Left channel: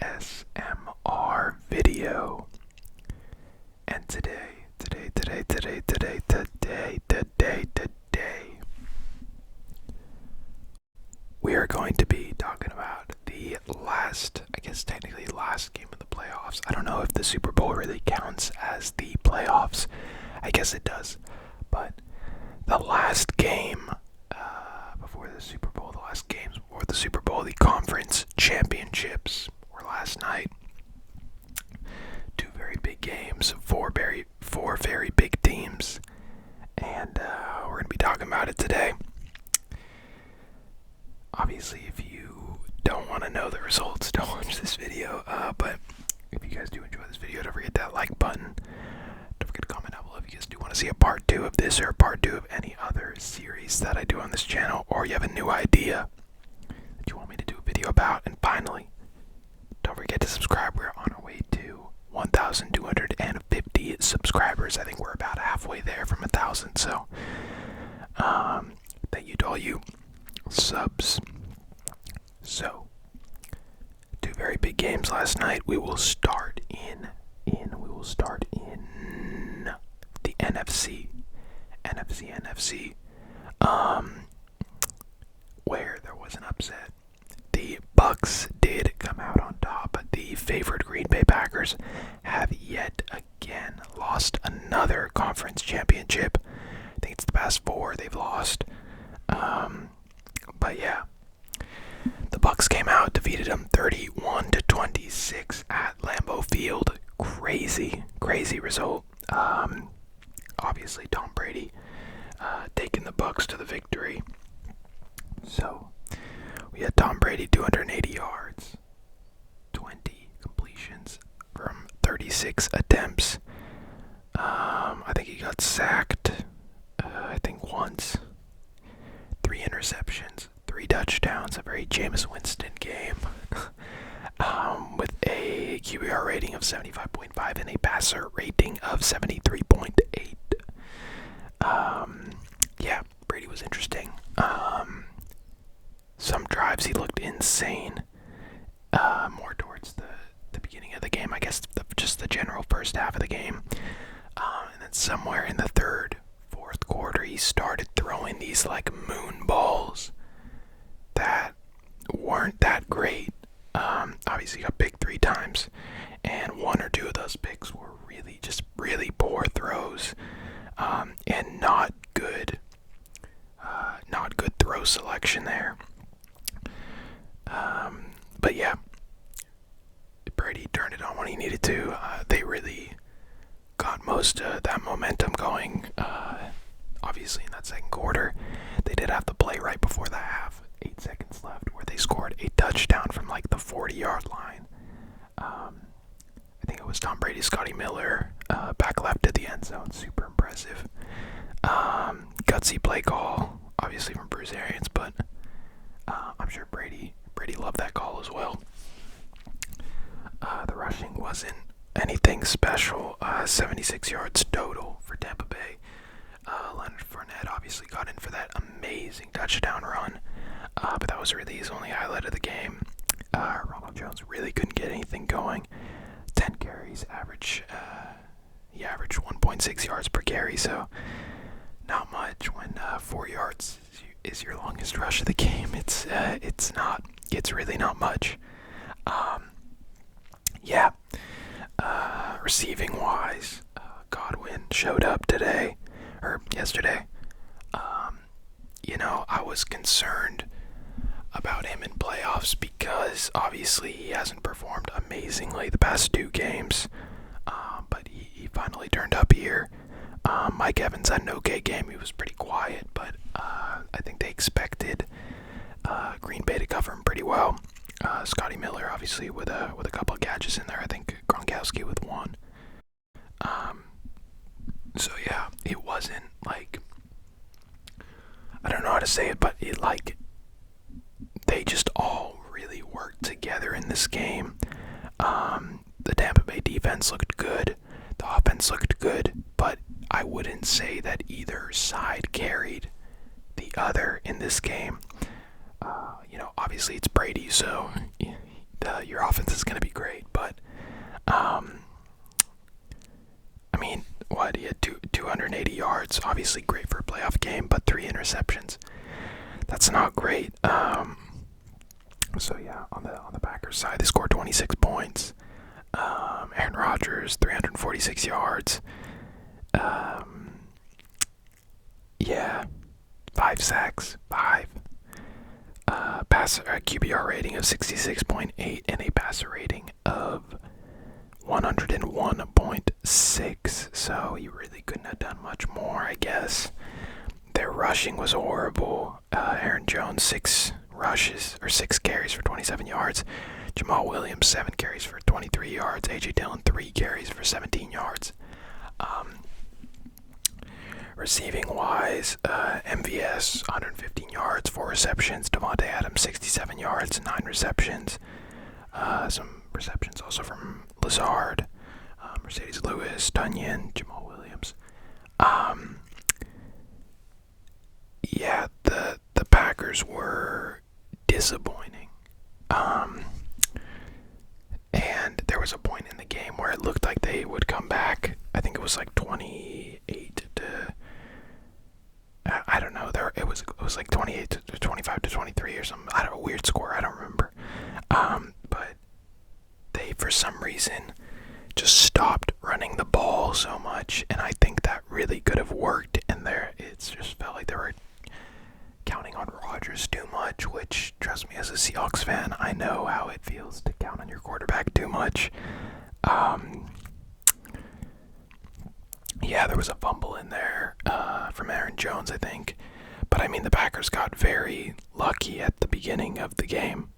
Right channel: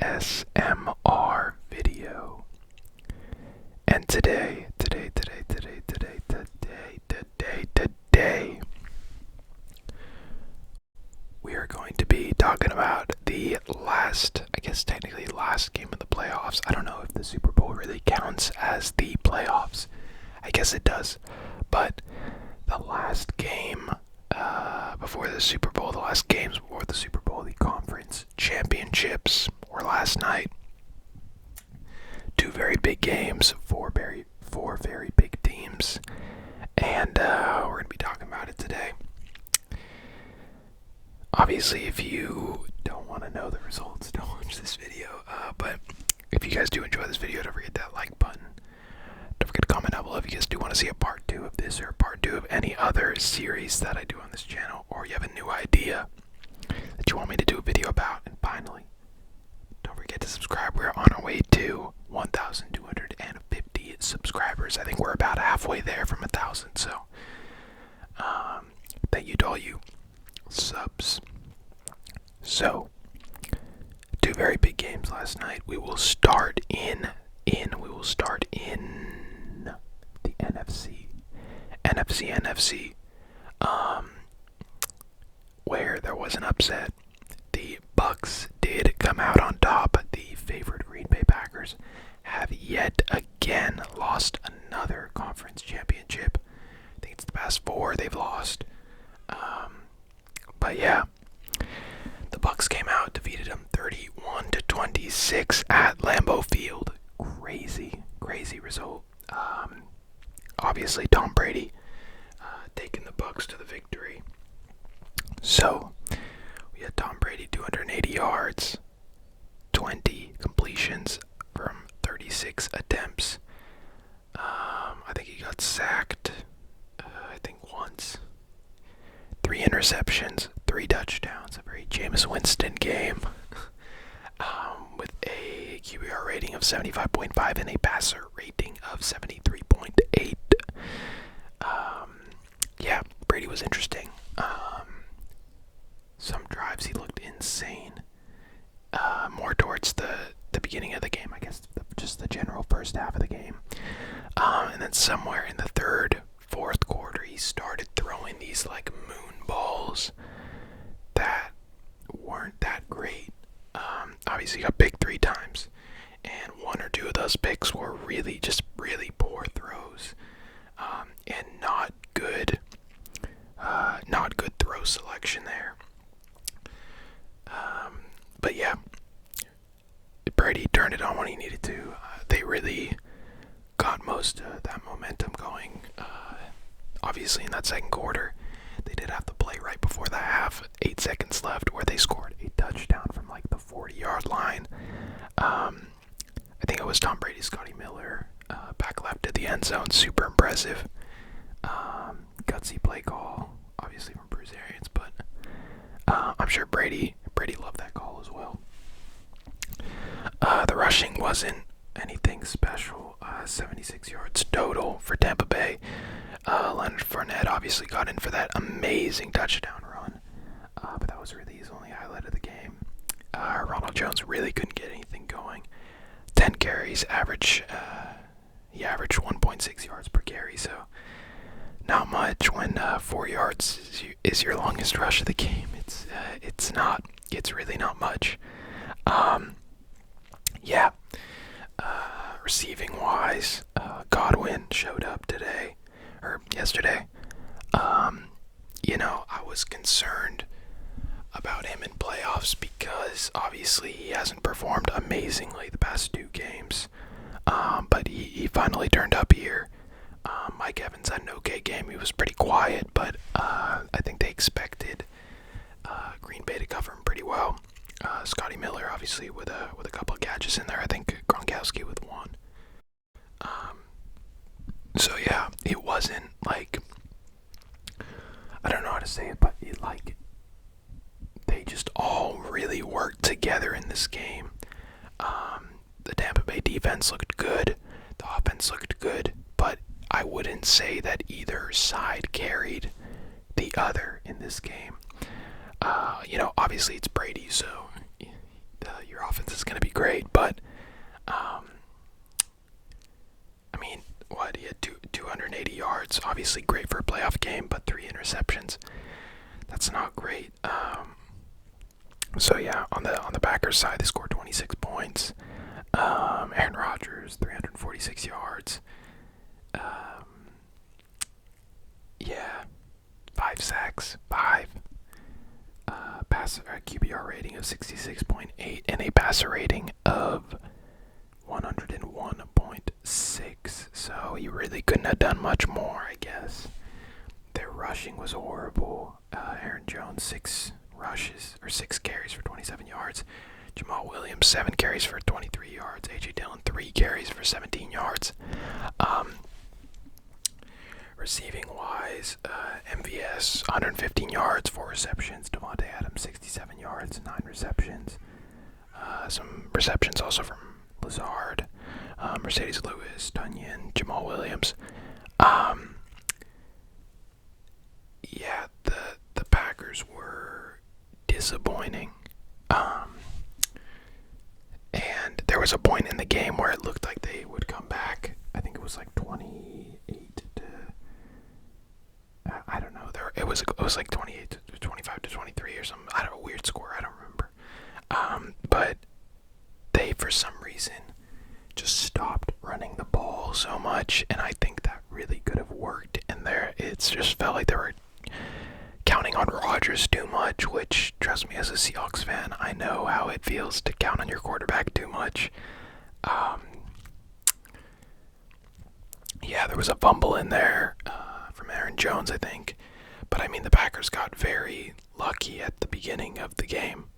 ASMR video. And today, we are going to be talking about the last, I guess technically last game of the playoffs. I don't know if the Super Bowl really counts as the playoffs. I guess it does. But the last game before the Super Bowl, the last games before the Super Bowl, the conference championships were last night. Two very big games, four very big teams, and we're going to be talking about it today. Obviously, if you don't want to know the results, don't watch this video, but if you guys do enjoy this video, don't forget that like button. Don't forget to comment down below if you guys do want to see a part 2 of this or a part 2 of any other series that I do on this channel, or you have a new idea that you want me to do a video about. And finally, don't forget to subscribe. We're on our way to 1,250 subscribers. I think we're about halfway there from 1,000, so thank you to all you subs. So, two very big games last night. We will start in the NFC, where there was an upset. The Bucks did come out on top. The favored Green Bay Packers have yet again lost another conference championship. I think it's the past 4 they've lost. But yeah, the Bucks came out, defeated them 31-26 at Lambeau Field. Crazy result. Obviously, Tom Brady taking the Bucks to the victory. So we had Tom Brady 280 yards, 20 completions from 36 attempts. I think he got sacked, once. 3 interceptions, 3 touchdowns, a very Jameis Winston game. With a QBR rating of 75.5 and a passer rating of 73.8. Yeah, Brady was interesting. Some drives he looked insane. More towards the beginning of the game, I guess just the general first half of the game. And then somewhere in the third, fourth quarter, he started throwing these like moon balls that weren't that great. Obviously he got picked 3 times, and 1 or 2 of those picks were really poor throws, and not good throw selection there. But yeah, Brady turned it on when he needed to. They really got most of that momentum going. Obviously in that second quarter, they did have the play right before the half, 8 seconds left, where they scored a touchdown from like the 40-yard line. I think it was Tom Brady, Scotty Miller, back left to the end zone. Super impressive. Gutsy play call, obviously from Bruce Arians, but I'm sure Brady loved that call as well. The rushing wasn't anything special. 76 yards total for Tampa Bay. Leonard Fournette obviously got in for that amazing touchdown run, but that was really his only highlight of the game. Ronald Jones really couldn't get anything going. 10 carries, he averaged 1.6 yards per carry, so not much when 4 yards is your longest rush of the game. It's really not much. Yeah. Receiving wise, Godwin showed up yesterday. I was concerned about him in playoffs because obviously he hasn't performed amazingly the past 2 games. But he finally turned up here. Mike Evans had an okay game. He was pretty quiet, but I think they expected Green Bay to cover him pretty well. Scotty Miller obviously with a couple of catches in there. I think Gronkowski with 1. So yeah, it wasn't like, I don't know how to say it, but they just all really worked together in this game. The Tampa Bay defense looked good, the offense looked good, but I wouldn't say that either side carried the other in this game. Obviously it's Brady, so your offense is going to be great, but I mean, what, he had 280 yards, obviously great for a playoff game, but 3 interceptions. That's not great. So yeah, on the Packers side, they scored 26 points. Aaron Rodgers, 346 yards. Yeah, 5 sacks, 5. QBR rating of 66.8 and a passer rating of 101.6. So he really couldn't have done much more, I guess. Their rushing was horrible. Aaron Jones, 6 carries for 27 yards. Jamal Williams, 7 carries for 23 yards. A.J. Dillon, 3 carries for 17 yards. Receiving wise, MVS, 115 yards, 4 receptions. Devontae Adams, 67 yards, 9 receptions. Some receptions also from Lazard, Mercedes Lewis, Tunyon, Jamal Williams. Yeah, the Packers were disappointing. And there was a point in the game where it looked like they would come back. I think it was like 28 to, I don't know. It was like 28 to 25 to 23 or something. I don't know, a weird score. I don't remember. But they, for some reason, just stopped running the ball so much, and I think that really could have worked. And it just felt like they were counting on Rodgers too much, which, trust me, as a Seahawks fan, I know how it feels to count on your quarterback too much. Yeah, there was a fumble in there from Aaron Jones, I think. But I mean, the Packers got very lucky at the beginning of the game.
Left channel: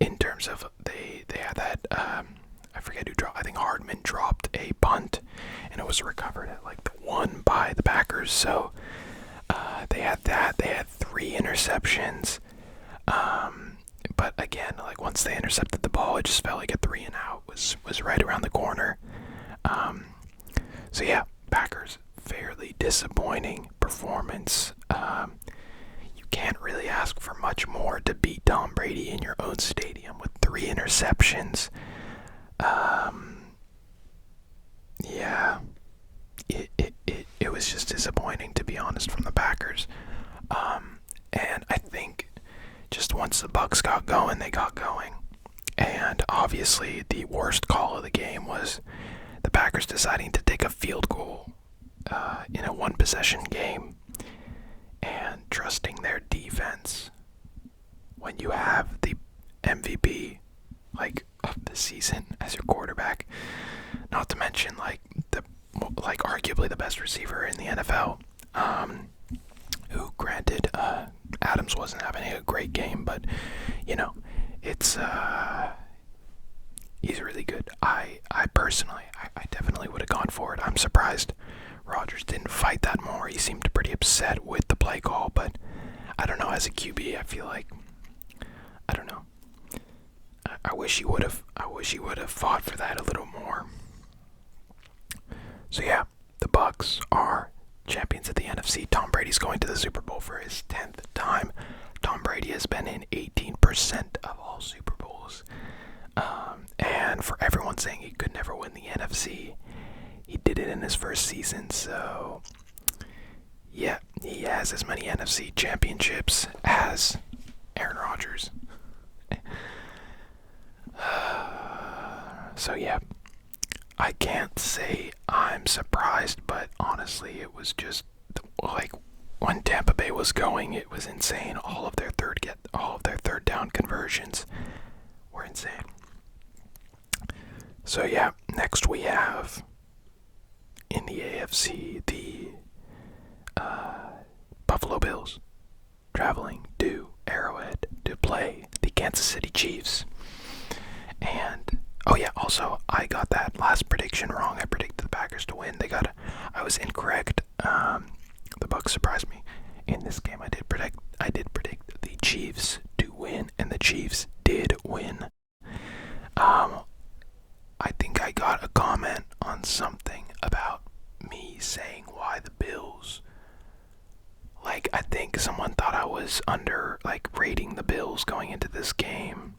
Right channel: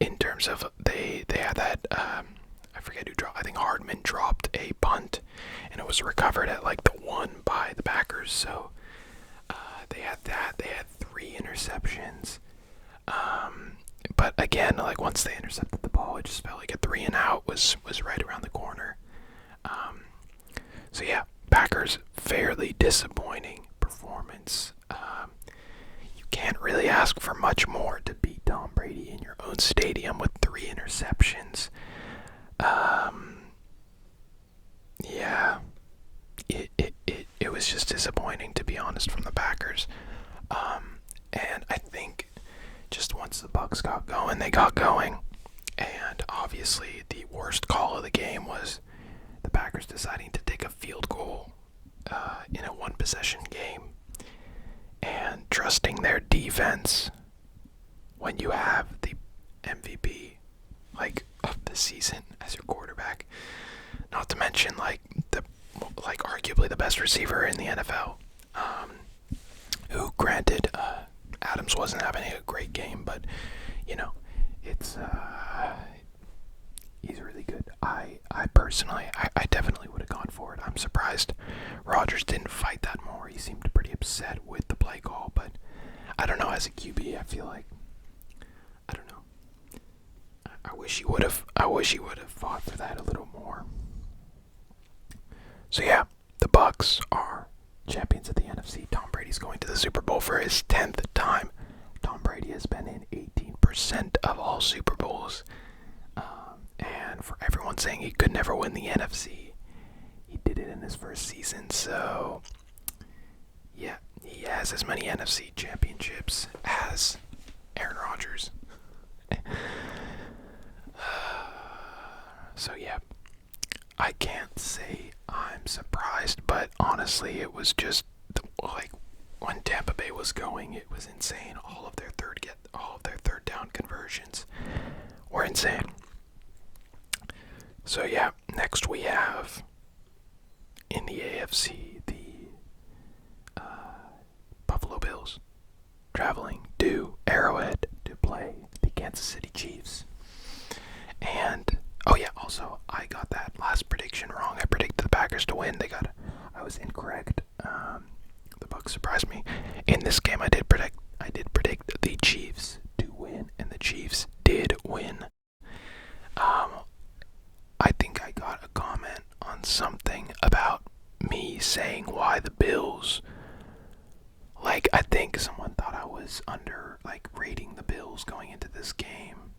In terms of they had that, I forget who dropped. I think Hardman dropped a punt, and it was recovered at like the 1 by the Packers. So they had that. They had 3 interceptions. But again, like once they intercepted the ball, it just felt like a 3 and out was right around the corner. So yeah, Packers, fairly disappointing performance. You can't really ask for much more to beat Tom Brady in your own stadium with 3 interceptions. Yeah, it was just disappointing, to be honest, from the Packers. And I think just once the Bucs got going, they got going. And obviously the worst call of the game was the Packers deciding to take a field goal in a 1-possession game and trusting their defense when you have the MVP of the season as your quarterback. Not to mention arguably the best receiver in the NFL. Who, granted, Adams wasn't having a great game, but it's he's really good. I personally, I definitely would have gone for it. I'm surprised Rodgers didn't fight that more. He seemed pretty upset with the play call, but I don't know, as a QB, I feel like, I don't know. I wish he would have fought for that a little more. So yeah, the Bucs are champions of the NFC. Tom Brady's going to the Super Bowl for his 10th time. Tom Brady has been in 18% of all Super Bowls. And for everyone saying he could never win the NFC, he did it in his first season. So yeah, he has as many NFC championships as Aaron Rodgers. So yeah, I can't say I'm surprised, but honestly, it was just like when Tampa Bay was going, it was insane. All of their third down conversions were insane. So yeah, next we have in the AFC the Buffalo Bills traveling to Arrowhead to play the Kansas City Chiefs. And oh yeah, also I got that last prediction wrong. I predicted the Packers to win. I was incorrect. The Bucs surprised me. In this game, I did predict the Chiefs to win, and the Chiefs did win. I think I got a comment on something about me saying why the Bills Like, I think someone thought I was rating the Bills going into this game.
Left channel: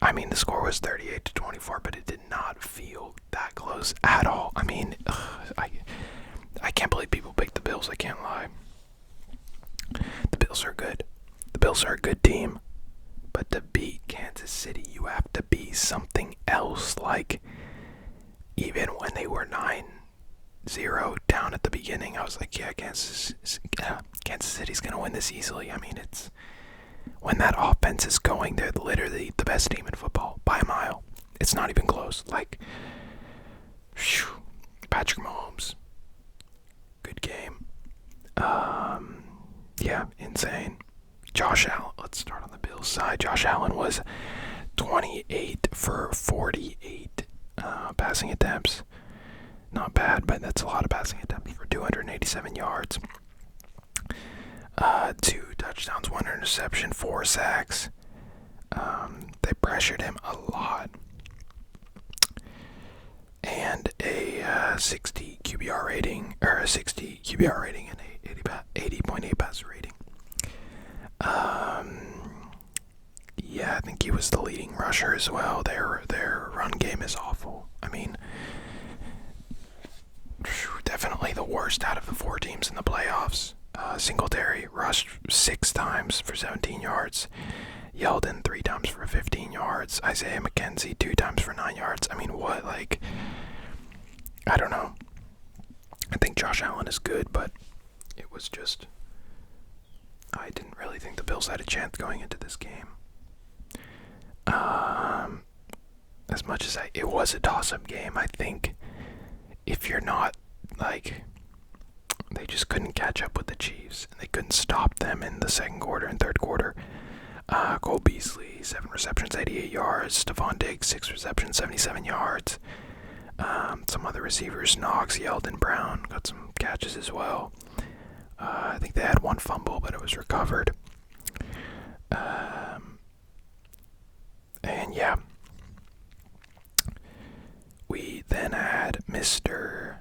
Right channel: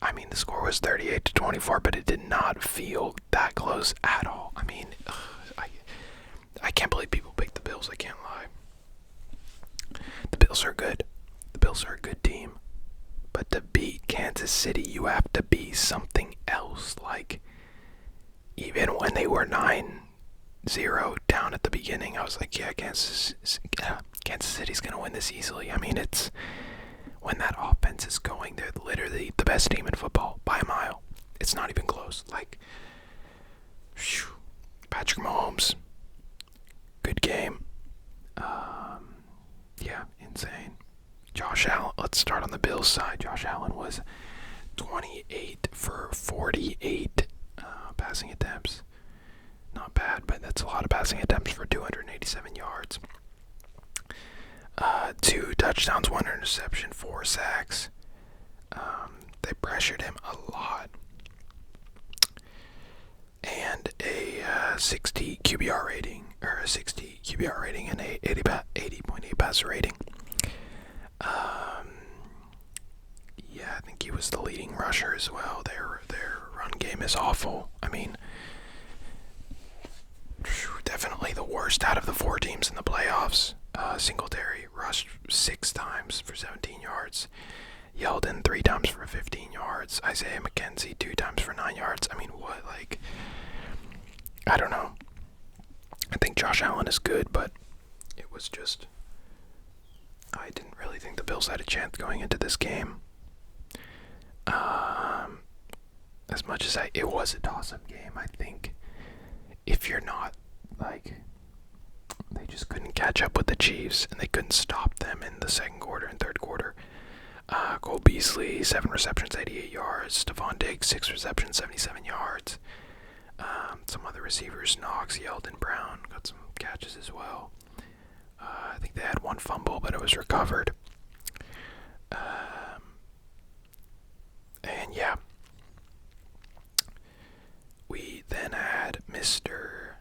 I mean, the score was 38-24, but it did not feel that close at all. I mean, I can't believe people picked the Bills. I can't lie. The Bills are good. The Bills are a good team. But to beat Kansas City, you have to be something else. Like, even when they were 9-0 down at the beginning, I was like, yeah, Kansas City's going to win this easily. I mean, it's when that offense is going, they're literally the best team in football by a mile. It's not even close. Like, whew, Patrick Mahomes, good game. Yeah, insane. Josh Allen, let's start on the Bills side. Josh Allen was 28 for 48 passing attempts. Not bad, but that's a lot of passing attempts for 287 yards. 2 touchdowns, 1 interception, 4 sacks. They pressured him a lot. And a 60 QBR rating, or a 60 QBR rating and a 80.8 passer rating. Yeah, I think he was the leading rusher as well. Their run game is awful. I mean, definitely the worst out of the 4 teams in the playoffs. Singletary rushed 6 times for 17 yards. Yeldon 3 times for 15 yards. Isaiah McKenzie 2 times for 9 yards. I mean, what? Like, I don't know. I think Josh Allen is good, but it was just, I didn't really think the Bills had a chance going into this game. As much as it was a toss-up game, I think if you're not, like, they just couldn't catch up with the Chiefs, and they couldn't stop them in the second quarter and third quarter. Cole Beasley, 7 receptions, 88 yards. Stephon Diggs, 6 receptions, 77 yards. Some other receivers, Knox, Yeldon, Brown, got some catches as well. I think they had 1 fumble, but it was recovered. And yeah, we then had Mr.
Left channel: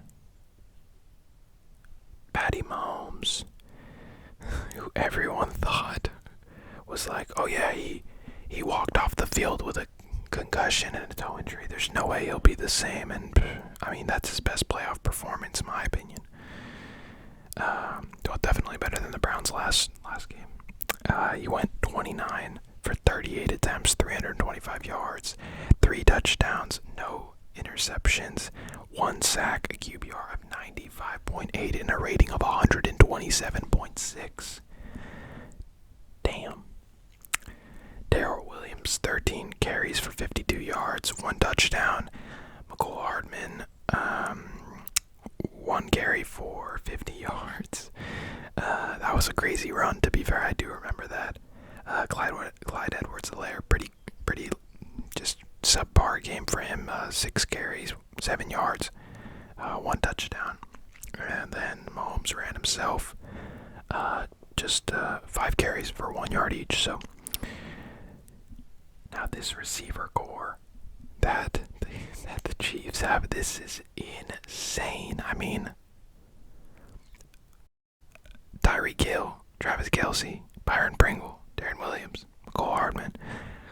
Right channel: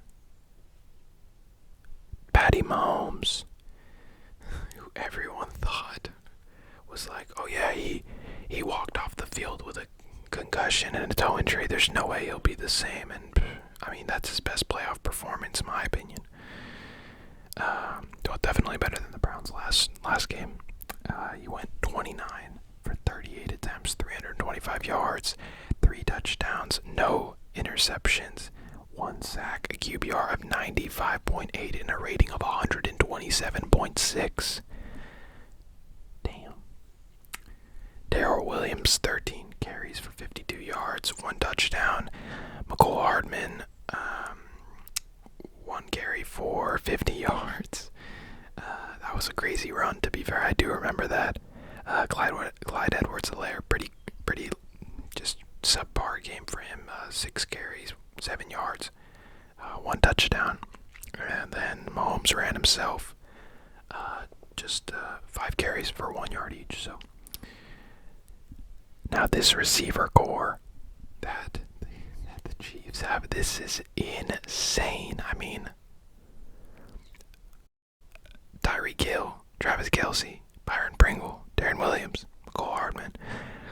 Patty Mahomes, who everyone thought was like, oh yeah, he walked off the field with a concussion and a toe injury. There's no way he'll be the same. And I mean, that's his best playoff performance, in my opinion. Definitely better than the Browns last game. He went 29 for 38 attempts, 325 yards, 3 touchdowns, no interceptions, 1 sack, a QBR of 95.8, and a rating of 127.6. Damn. Darrell Williams, 13 carries for 52 yards, 1 touchdown. Mecole Hardman, 1 carry for 50 yards. That was a crazy run, to be fair. I do remember that. Clyde Edwards-Helaire, pretty just subpar game for him. 6 carries, 7 yards, 1 touchdown. And then Mahomes ran himself. Just 5 carries for 1 yard each. So now this receiver core that the Chiefs have, this is insane. I mean, Tyreek Hill, Travis Kelce, Byron Pringle, Darren Williams, Mecole Hardman,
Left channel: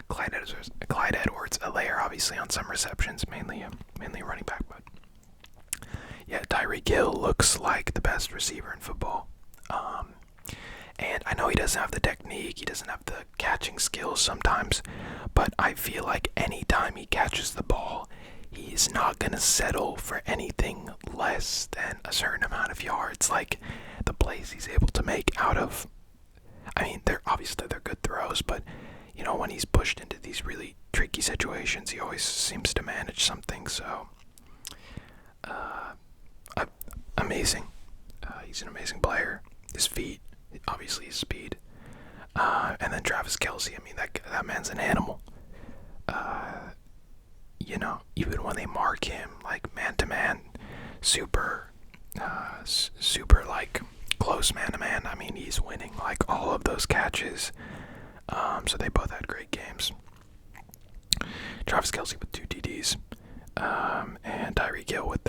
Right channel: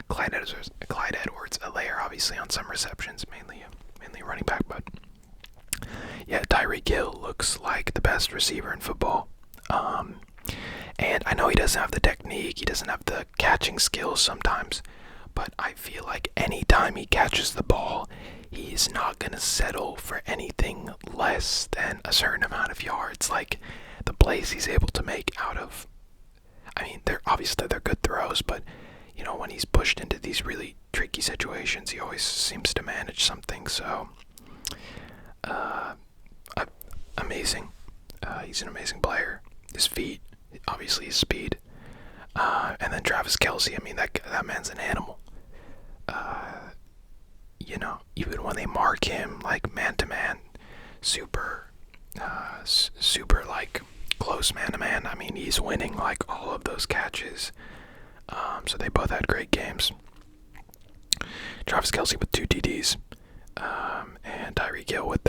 Clyde Edwards-Helaire, obviously on some receptions, mainly running back, but yeah, Tyreek Hill looks like the best receiver in football. And I know he doesn't have the technique, he doesn't have the catching skills sometimes, but I feel like anytime he catches the ball, he's not going to settle for anything less than a certain amount of yards. Like, the plays he's able to make out of, I mean, they're good throws, but, you know, when he's pushed into these really tricky situations, he always seems to manage something. So, amazing. He's an amazing player. His feet, obviously his speed. And then Travis Kelce, I mean, that man's an animal. You know, even when they mark him, like, man-to-man, super, like, close man-to-man, I mean, he's winning, like, all of those catches. So they both had great games. Travis Kelce with 2 TDs, and Tyreek Hill with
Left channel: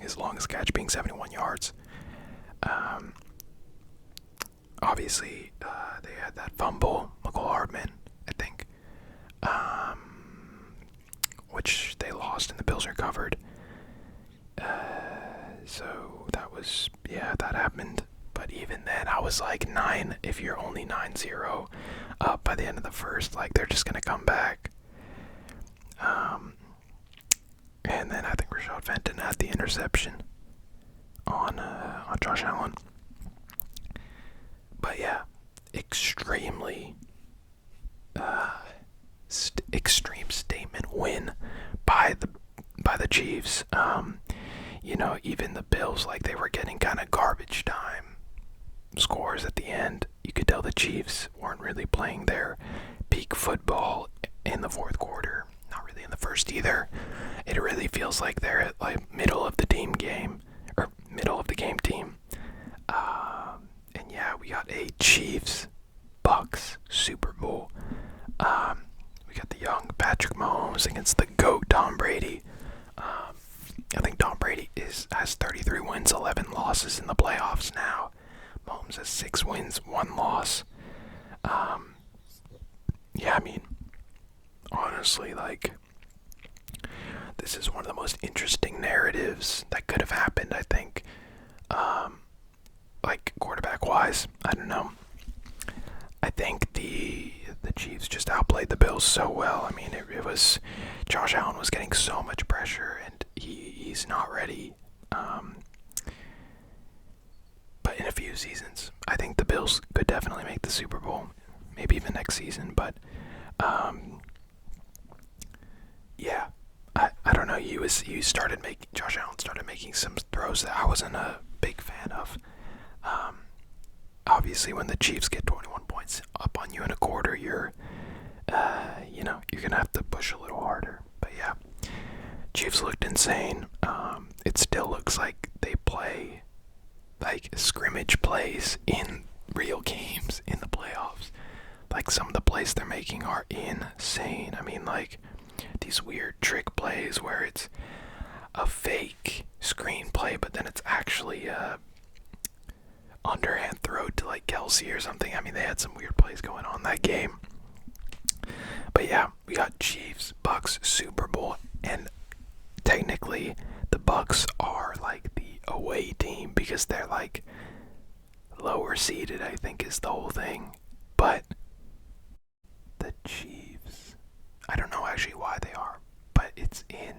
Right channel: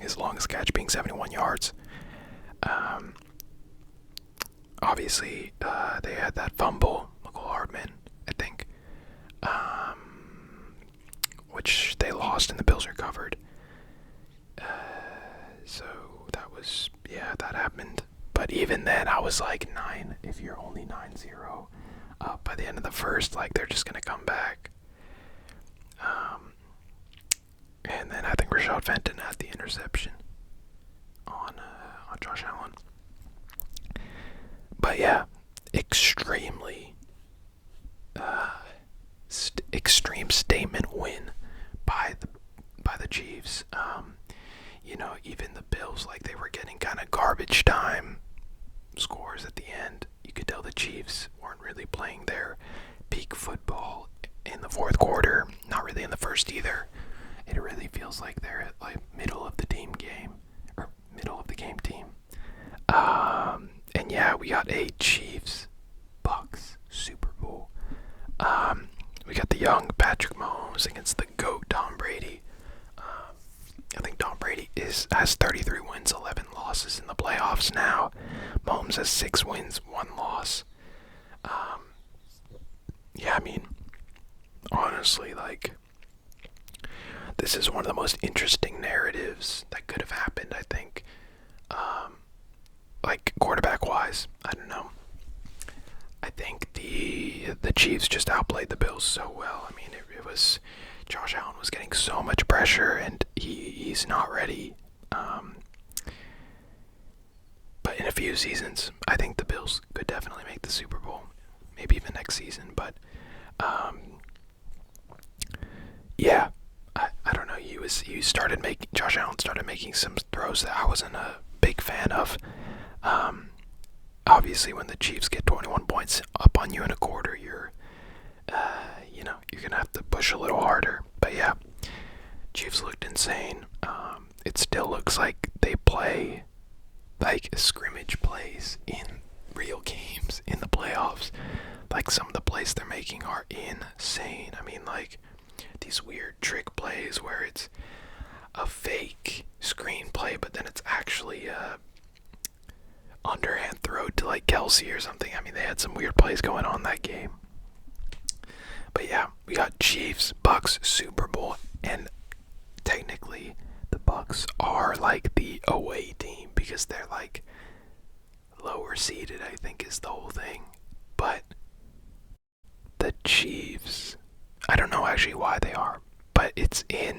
his longest catch being 71 yards. Um, Obviously, they had that fumble, McCall Hardman, I think, which they lost and the Bills recovered. So that was, yeah, that happened. But even then, I was like, if you're only 9-0 up by the end of the first, like, they're just going to come back. And then I think Rashad Fenton had the interception on Josh Allen. But yeah, extremely extreme statement win by the Chiefs. Even the Bills, like, they were getting kind of garbage time scores at the end. You could tell the Chiefs weren't really playing their peak football in the fourth quarter. Not really in the first either. It really feels like they're at like middle of the game team. And yeah, we got a Chiefs Bucks Super Bowl. We got the young Patrick Mahomes against the GOAT Tom Brady. I think Tom Brady has 33 wins, 11 losses in the playoffs now. Mahomes has 6 wins, 1 loss. Yeah, I mean, honestly, like, this is one of the most interesting narratives that could have happened, I think. Like, quarterback-wise, I don't know. I think the Chiefs just outplayed the Bills so well. I mean, it was Josh Allen was getting so much pressure, and he's not ready. But in a few seasons, I think the Bills could definitely make the Super Bowl, maybe even next season. But yeah, I don't know. Josh Allen started making some throws that I wasn't a big fan of. Obviously, when the Chiefs get 21 points up on you in a quarter, you're gonna have to push a little harder. But yeah, Chiefs looked insane. It still looks like they play like scrimmage plays in real games in the playoffs. Like, some of the plays they're making are insane. I mean, like, these weird trick plays where it's a fake screenplay, but then it's actually a underhand throw to like Kelsey or something. I mean, they had some weird plays going on that game. But yeah, we got Chiefs Bucks Super Bowl, and technically the Bucks are like the away team because they're like lower seeded, I think, is the whole thing. But the Chiefs, I don't know actually why they are, but it's in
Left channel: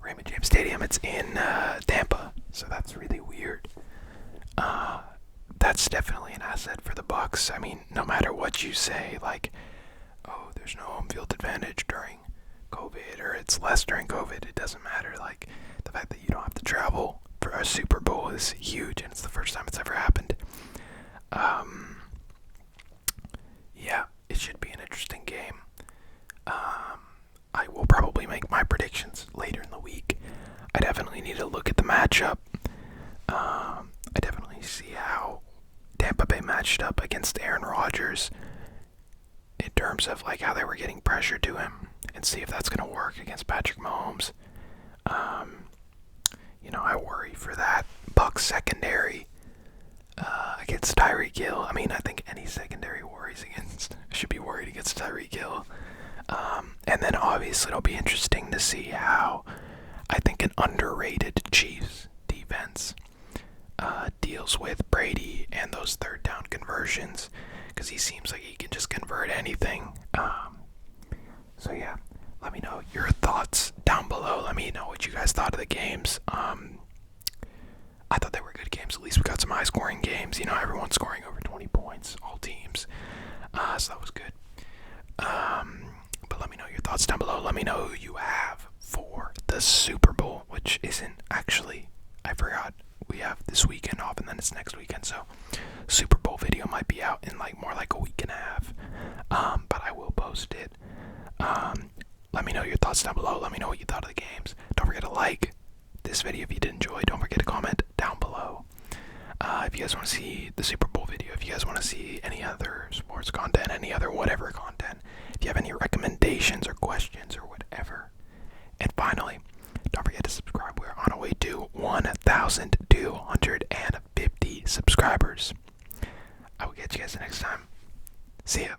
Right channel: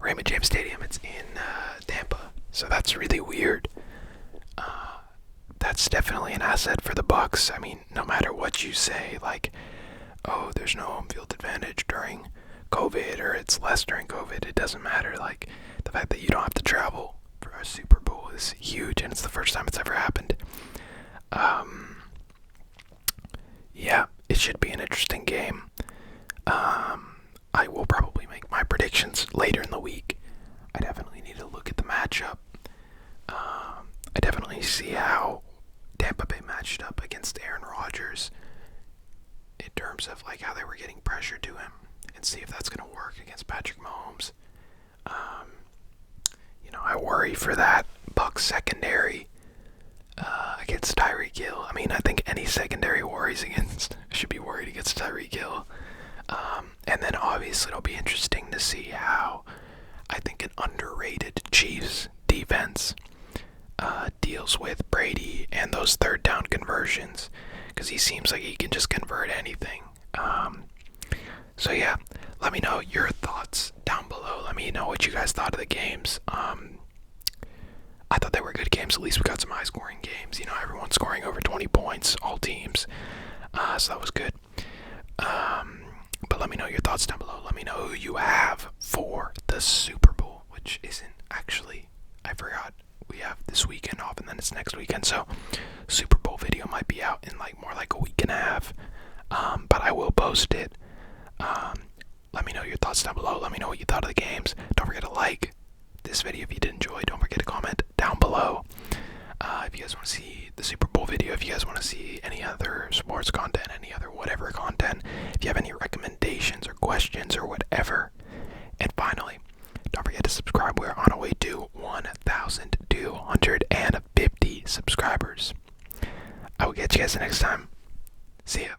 Raymond James Stadium. It's in Tampa, so that's really weird. That's definitely an asset for the Bucks. I mean, no matter what you say, like, oh, there's no home field advantage during COVID, or it's less during COVID, it doesn't matter. Like, the fact that you don't have to travel for a Super Bowl is huge, and it's the first time it's ever happened. Yeah, it should be an interesting game. I will probably make my predictions later in the week. I definitely need to look at the matchup. I definitely see how Tampa Bay matched up against Aaron Rodgers in terms of like how they were getting pressure to him, and see if that's going to work against Patrick Mahomes. I worry for that Bucs secondary against Tyreek Hill. I mean, I think any secondary should be worried against Tyreek Hill. And then obviously it'll be interesting to see how I think an underrated Chiefs defense deals with Brady and those third down conversions, because he seems like he can just convert anything. So yeah, let me know your thoughts down below. Let me know what you guys thought of the games. I thought they were good games. At least we got some high scoring games. Everyone scoring over 20 points, all teams. So that was good. But let me know your thoughts down below. Let me know who you have for the Super Bowl, which isn't actually, I forgot, we have this weekend off and then it's next weekend. So Super Bowl video might be out in more like a week and a half. But I will post it. Let me know your thoughts down below. Let me know what you thought of the games. Don't forget to like this video if you did enjoy. Don't forget to comment down below. If you guys want to see the Super Bowl video, if you guys want to see any other sports content, any other whatever content, if you have any recommendations or questions or whatever. And finally, don't forget to subscribe. We're on our way to 1,200 subscribers. I will catch you guys next time. See ya.